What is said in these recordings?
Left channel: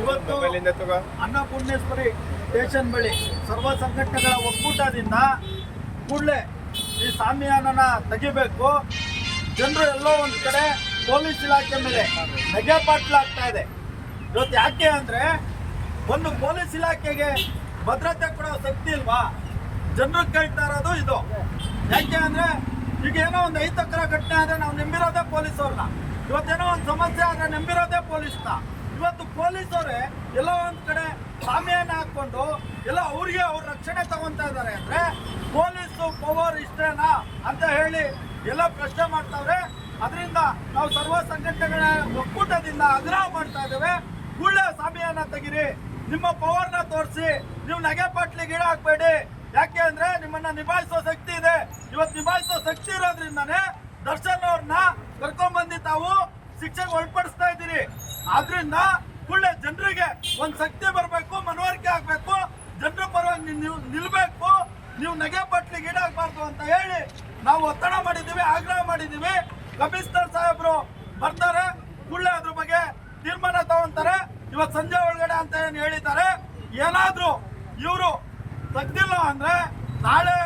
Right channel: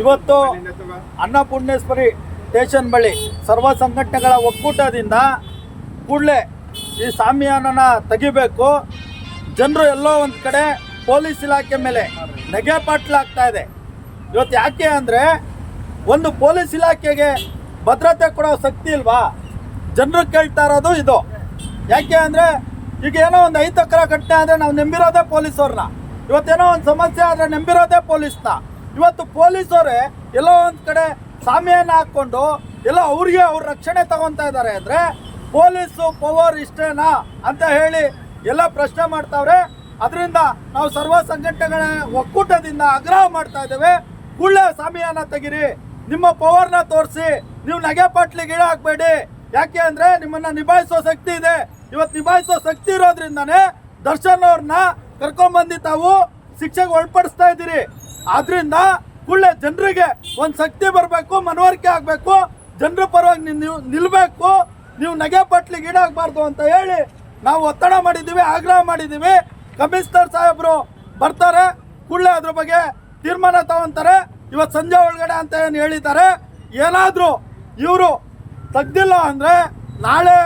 ಇವತ್ತು ಅನ್ನಪೂರ್ಣೇಶ್ವರಿ ಸ್ಟೇಷನ್ ಬಳಿ ಸರ್ವ ಸಂಘಟನೆಗಳ ಒಕ್ಕೂಟದಿಂದ ಕೂಡಲೇ ಈ ಸಾಮಿಯಾನನ ತೆಗಿಬೇಕು. ಜನರು ಎಲ್ಲೋ ಒಂದು ಕಡೆ ಪೊಲೀಸ್ ಇಲಾಖೆ ಮೇಲೆ ನೆಗೆ ಪಾಟ್ಲಾಗ್ತಾ ಇದೆ. ಇವತ್ತು ಯಾಕೆ ಅಂದರೆ ಒಂದು ಪೊಲೀಸ್ ಇಲಾಖೆಗೆ ಭದ್ರತೆ ಕೊಡೋ ಶಕ್ತಿ ಇಲ್ವಾ? ಜನರು ಕೇಳ್ತಾ ಇರೋದು ಇದು. ಯಾಕೆ ಅಂದರೆ ಈಗ ಏನೋ ಒಂದು ಐದು ಎಕರೆ ಘಟನೆ ಆದರೆ ನಾವು ನೆಂಬಿರೋದೇ ಪೊಲೀಸವ್ರನ್ನ. ಇವತ್ತೇನೋ ಒಂದು ಸಮಸ್ಯೆ ಆದರೆ ನೆಂಬಿರೋದೇ ಪೊಲೀಸ್ನ. ಇವತ್ತು ಪೊಲೀಸರೇ ಎಲ್ಲೋ ಒಂದು ಕಡೆ ಸಾಮ್ಯನ ಹಾಕ್ಕೊಂಡು ಎಲ್ಲ ಅವ್ರಿಗೆ ಅವ್ರ ರಕ್ಷಣೆ ತಗೊತಾ ಇದ್ದಾರೆ ಅಂದರೆ ಪೊಲೀಸು ಪವರ್ ಇಷ್ಟೇನಾ ಅಂತ ಹೇಳಿ ಎಲ್ಲ ಪ್ರಶ್ನೆ ಮಾಡ್ತಾವ್ರೆ. ಅದರಿಂದ ನಾವು ಸರ್ವ ಸಂಘಟನೆಗಳ ಒಕ್ಕೂಟದಿಂದ ಆಗ್ರಹ ಮಾಡ್ತಾ ಇದ್ದೇವೆ. ಕೂಡಲೇ ಸಾಮಿಯನ್ನ ತೆಗಿರಿ. ನಿಮ್ಮ ಪವರ್ನ ತೋರಿಸಿ. ನೀವು ನಗೆ ಪಾಟ್ಲಿಗೆ ಹಾಕ್ಬೇಡಿ ಯಾಕೆ ಅಂದ್ರೆ ನಿಮ್ಮನ್ನ ನಿಭಾಯಿಸೋ ಶಕ್ತಿ ಇದೆ. ಇವತ್ತು ನಿಭಾಯಿಸೋ ಶಕ್ತಿ ಇರೋದ್ರಿಂದನೇ ದರ್ಶನ್ ಅವ್ರನ್ನ ಕರ್ಕೊಂಡ್ಬಂದು ತಾವು ಶಿಕ್ಷೆಗೆ ಒಳಪಡಿಸ್ತಾ ಇದ್ದೀರಿ. ಆದ್ರಿಂದ ಕೂಡಲೇ ಜನರಿಗೆ ಒಂದು ಶಕ್ತಿ ಬರಬೇಕು, ಮನವರಿಕೆ ಆಗಬೇಕು, ಜನರ ಪರವಾಗಿ ನೀವು ನಿಲ್ಲಬೇಕು ನೀವು ನಗೆ ಪಟ್ಲಿಗೆ ಈಡಾಗಬಾರ್ದು ಅಂತ ಹೇಳಿ ನಾವು ಒತ್ತಡ ಮಾಡಿದ್ದೀವಿ ಆಗ್ರಹ ಮಾಡಿದ್ದೀವಿ ಕಮಿಷನರ್ ಸಾಹೇಬರು ಬರ್ತಾರೆ, ಕೂಡಲೇ ಅದ್ರ ಬಗ್ಗೆ ತೀರ್ಮಾನ ತಗೊಂತಾರೆ. ಇವತ್ತು ಸಂಜೆ ಒಳಗಡೆ ಅಂತ ಏನು ಹೇಳಿದ್ದಾರೆ, ಏನಾದರೂ ಇವರು ತೆಗ್ದಿಲ್ಲ ಅಂದರೆ ನಾಳೆ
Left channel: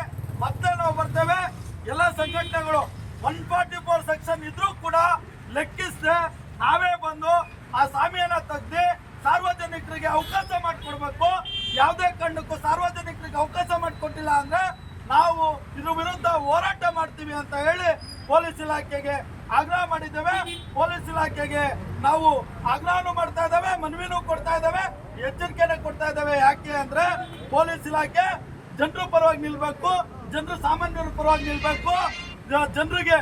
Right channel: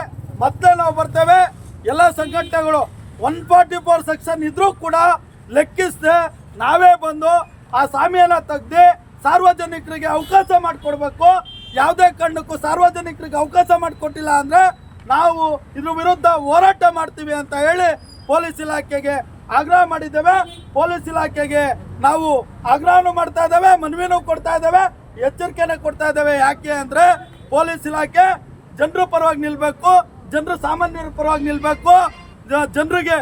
ಮತ್ತೆ ನಾವು ಬರ್ತೇವೆ. ಎಲ್ಲ ಸಂಘಟನೆಗಳು ಒನ್ ಫಾರ್ಟಿ ಫೋರ್ ಸೆಕ್ಷನ್ ಇದ್ರೂ ಕೂಡ ಲೆಕ್ಕಿಸದೆ ನಾವೇ ಬಂದು ಆ ಸಾಮಿಯನ್ನ ತೆಗ್ದು ಸಾರ್ವಜನಿಕರಿಗೆ ಅವಕಾಶ ಮಾಡಿಕೊಡ್ಬೇಕು. ಯಾವುದೇ ಕಾರಣಕ್ಕೂ ಸಾರ್ವಜನಿಕರಿಗೆ ಅವಕಾಶ ಮಾಡಿಕೊಟ್ಟಿಲ್ಲ ಅಂದರೆ ನಾವು ಇದ್ರ ವಿರುದ್ಧ ಹೋರಾಟ ಮಾಡ್ತೀವಿ ಅಂತ ಹೇಳಿ ಪೊಲೀಸ್ ಇಲಾಖೆಗೆ ಆಗ್ರಹ ಮಾಡಿದ್ದೇವೆ. ಪೊಲೀಸ್ ಇಲಾಖೆಗೆ ನಾವು ಆಗ್ರಹನೂ ಮಾಡ್ತಾ ಇದ್ದೇವೆ, ಮನವಿನೂ ಕೊಡ್ತಾ ಇದ್ದೇವೆ, ಎಚ್ಚರಿಕೆನ ಕೊಡ್ತಾ ಇದ್ದೇವೆ. ಯಾಕೆ ಅಂದ್ರೆ ಪೊಲೀಸ್ ಇಲಾಖೆ ಜನರ ಪರವಾಗಿ ನಿಲ್ಲಬೇಕು ಜನರು ಸಾಮಾನ್ಯರ ಪರವಾಗಿ ನಿಲ್ಲಬೇಕು ಜನರಿಗೆ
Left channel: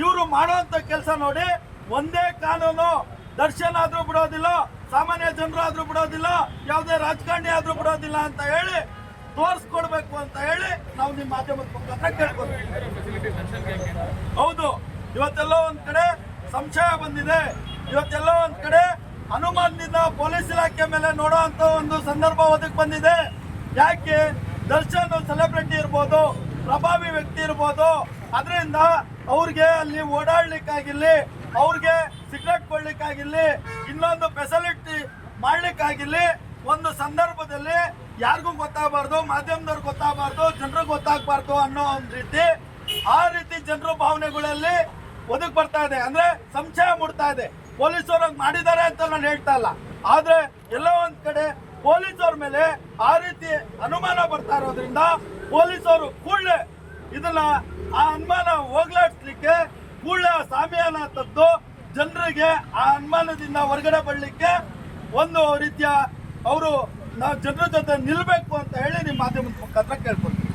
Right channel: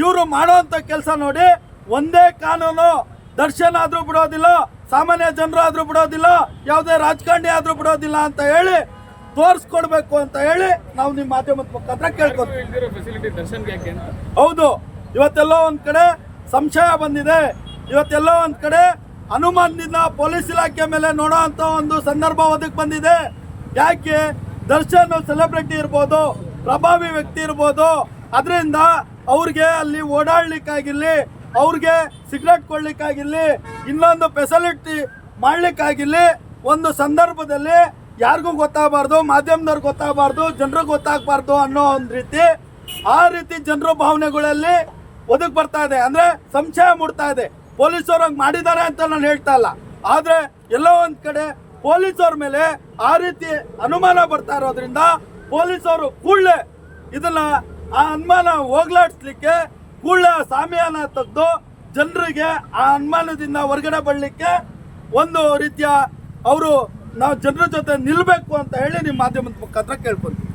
ಇವರು ಮಾಡುವಂತ ಕೆಲಸ ನೋಡಿ, ಒಂದೇ ಕಾನೂನು ದರ್ಶನ ಆದ್ರೂ ಬಿಡೋದಿಲ್ಲ, ಸಾಮಾನ್ಯ ಜನರು ಆದ್ರೂ ಬಿಡೋದಿಲ್ಲ, ಯಾವುದೇ ರಾಜಕಾರಣಿ ಆದ್ರೂ ಬಿಡೋದಿಲ್ಲ ಅಂತ ಹೇಳಿ ತೋರಿಸ್ಕೊಡ್ಬೇಕು ಅಂತ ಹೇಳಿ ನಾವು ನಿಮ್ಮ ಮಾಧ್ಯಮದ ಮುಖಾಂತರ ಕೇಳ್ಕೊತೀವಿ. ಹೌದು, ಇವತ್ತೆಲ್ಲೋ ಒಂದ್ ಕಡೆ ಸಂಶಯ ಬಂದಿದೆ. ಇವತ್ತೆಲ್ಲೋ ಒಂದ್ ಕಡೆ ಅನುಮಾನದಿಂದ ಪೊಲೀಸ್ ಇಲಾಖೆ ಮೇಲೆ ನೋಡೋ ಅಂತ ಒಂದು ಸಂದರ್ಭ ಒದಗಿ ಬಂದಿದೆ. ಯಾಕೆ? ದರ್ಶನ್ ಸೆಲೆಬ್ರಿಟಿ ಇರ್ಬೋದು, ಪ್ರಭಾವಿ ವ್ಯಕ್ತಿ ಇರ್ಬೋದು. ಅದರಿಂದ ಅವ್ರಿಗೆ ಅಲ್ಲಿ ಓಡಾಡ್ಲಿಕ್ಕಾಗಿರ್ಲಿ ಅವ್ರಿಗೆ ಸಿಗರೆಟ್ ಕೊಡ್ಲಿಕ್ಕಾಗಿರ್ಲಿ, ಇನ್ನೊಂದು ಫೆಸಿಲಿಟಿ ಮಾಡ್ಲಿಕ್ಕಾಗಿರ್ಲಿ, ಒಂದು ಸಂದರ್ಭದಲ್ಲಿ ಯಾರಿಗೂ ಗೊತ್ತಾಗಬಾರ್ದು ಮಾಧ್ಯಮದವ್ರಿಗೆ ಗೊತ್ತಾಗಬಾರ್ದು ಜನರಿಗೆ ಗೊತ್ತಾಗಬಾರ್ದು ಅನ್ನೋ ಒಂದು ರೀತಿ ಆ ರೀತಿ ಜನರ ಭಾವನೆಗಳಲ್ಲಿ ಒದಗಿ ಬರ್ತಾ ಇದೆ. ಅಂದ್ರೆ ಸಂಶಯ ಮೂಡ್ತಾ ಇದೆ. ಪೊಲೀಸರು ಹಂಗೆ ಮಾಡಿದ್ದಾರೆ ಅಂತ ನಾನು ಹೇಳ್ತಾ ಇಲ್ಲ. ಆದ್ರೆ ಎಲ್ಲೋ ಒಂದ್ ಕಡೆ ಪೊಲೀಸರ ಮೇಲೆ ಆ ರೀತಿ ಅನುಮಾನ ಬರ್ತಾ ಇರೋದ್ರಿಂದ ಪೊಲೀಸರು ಕೂಡಲೇ ಇದನ್ನ ಆ ಅನುಮಾನ ಹೋಗ್ಲಾಡಿಸ್ಲಿಕ್ಕೆ ಕೂಡಲೇ ಸಾಮಿಯಾನ ತೆಗೆದು ಜನರಿಗೆ ಆ ಅನುಮಾನದಿಂದ ಹೊರಗಡೆ ಬರಲಿಕ್ಕೆ ಒಂದು ರೀತಿಯ ಅವರು ನಾವು ಜನರ ಜೊತೆ ನಿಲ್ಲಬೇಕು ಅಂತ ಹೇಳಿ ನಿಮ್ಮ ಮಾಧ್ಯಮದ ಮುಖಾಂತರ ಕೇಳ್ಕೊಂತೀವಿ